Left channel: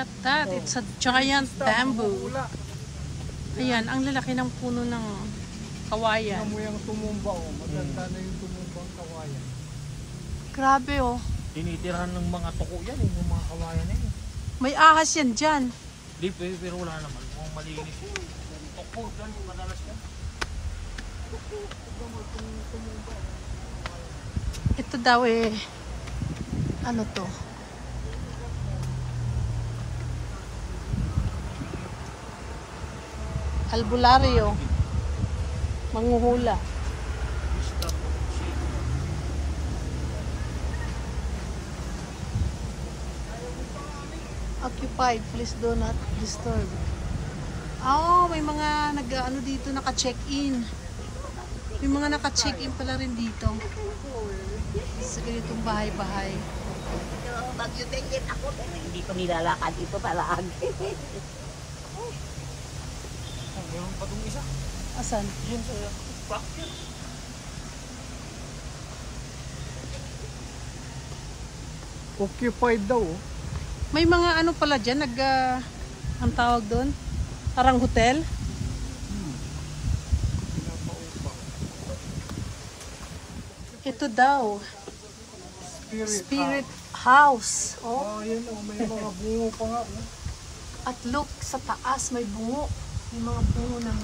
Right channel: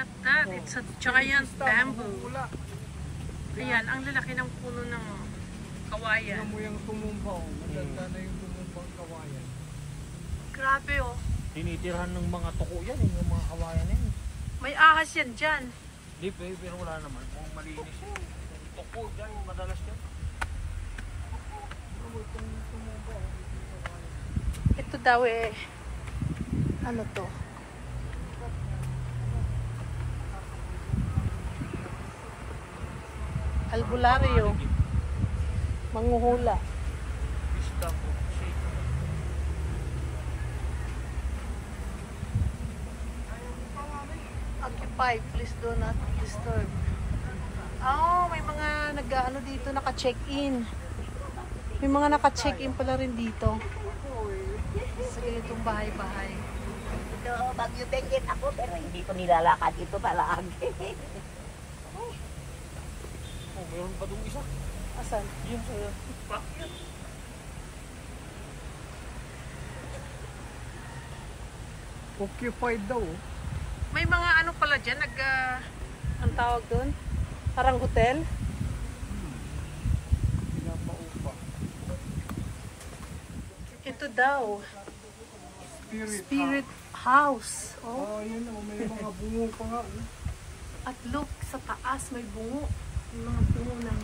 at that. It's a giant bamboo. Ayan, ang lalaki ng puno ng kawayan. Ano mo yung tumumba o? Maganda na yung tumumbang kawayan. Grabe oh. Tinitirahan ng mga tuko yan, yung mga kawayan yan. May ahas yan dyan. Di, pero wala naman. Kung malinis yun. Tuko dyan, madalas yan. Ito daw eh. Ano to? Albularyo. Manguhula. Occupied, please do not disturb. Oh, may mga nag-ano dito, naka-check-in. May mga naka-check-in pala rin dito. Sa ganitong bahay-bahay. Ito, bagyo tingin ako, pero hindi ko nilalakad ito talaga. Asan? Occupied daw. May mga ano pala dyan, ang tawag doon? Parang hotel? Ito daw. Spirit House. Oh. Oh, yun o. May mga bungo pa nga. No? At look, sa taas may bungo. May mga bungo ng...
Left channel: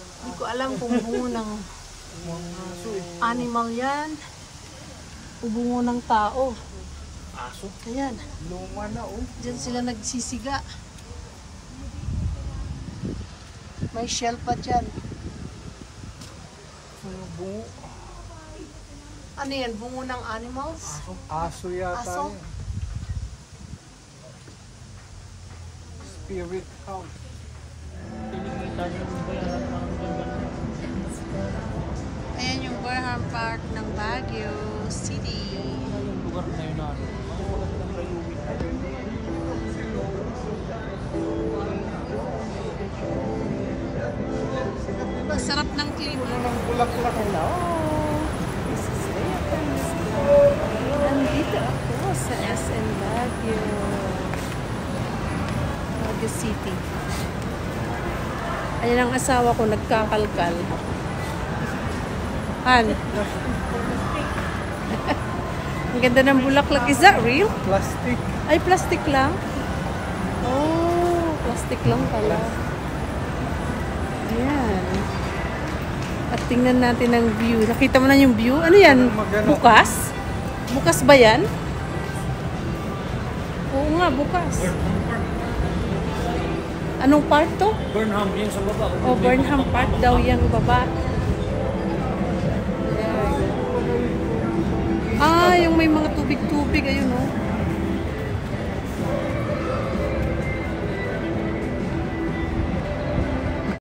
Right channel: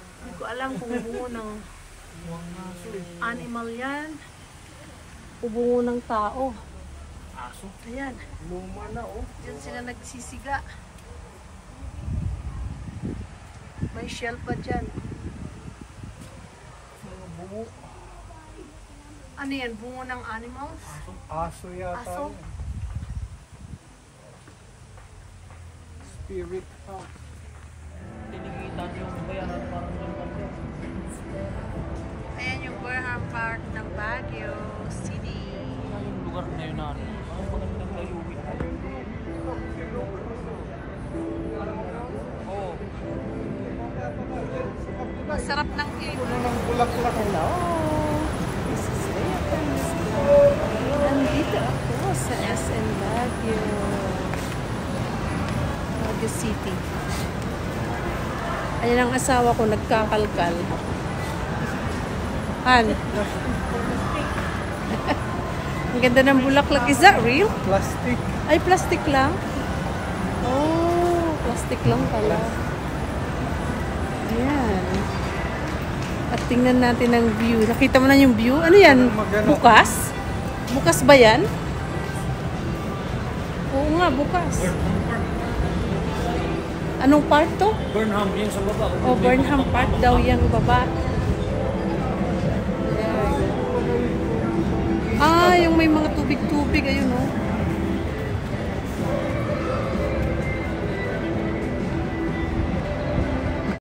Hindi ko alam kung bungo ng animal yan. O bungo ng tao. Aso. Ayan. Luma na o. Diyan sila nagsisiga. May shell pa dyan. Bungo. Ano yan? Bungo ng animals? Aso yata Aso? yun. Spirit House. Ayan yung Burnham Park ng Baguio City. Yung lugar na yun natin. Ang magandang layuwi. Ang sarap ng klima. Puno ng bulaklak. Hello! This is Rhea. Nandito ako sa SM Baguio. Baguio City. Ayan ang asawa ko, nagkakalkal. Han? Ang ganda ng bulaklak. Is that real? Plastic. Ay, plastic lang? Oh, plastic lang pala. Ayan. At tingnan natin ang view. Nakita mo na yung view? Ano yan? Bukas? Bukas ba yan? Oo nga, bukas. Anong part to? Burnham yung sa baba. Oh, Burnham Park daw yung baba. Ah, yung may mga tubig-tubig. Ayun, oh.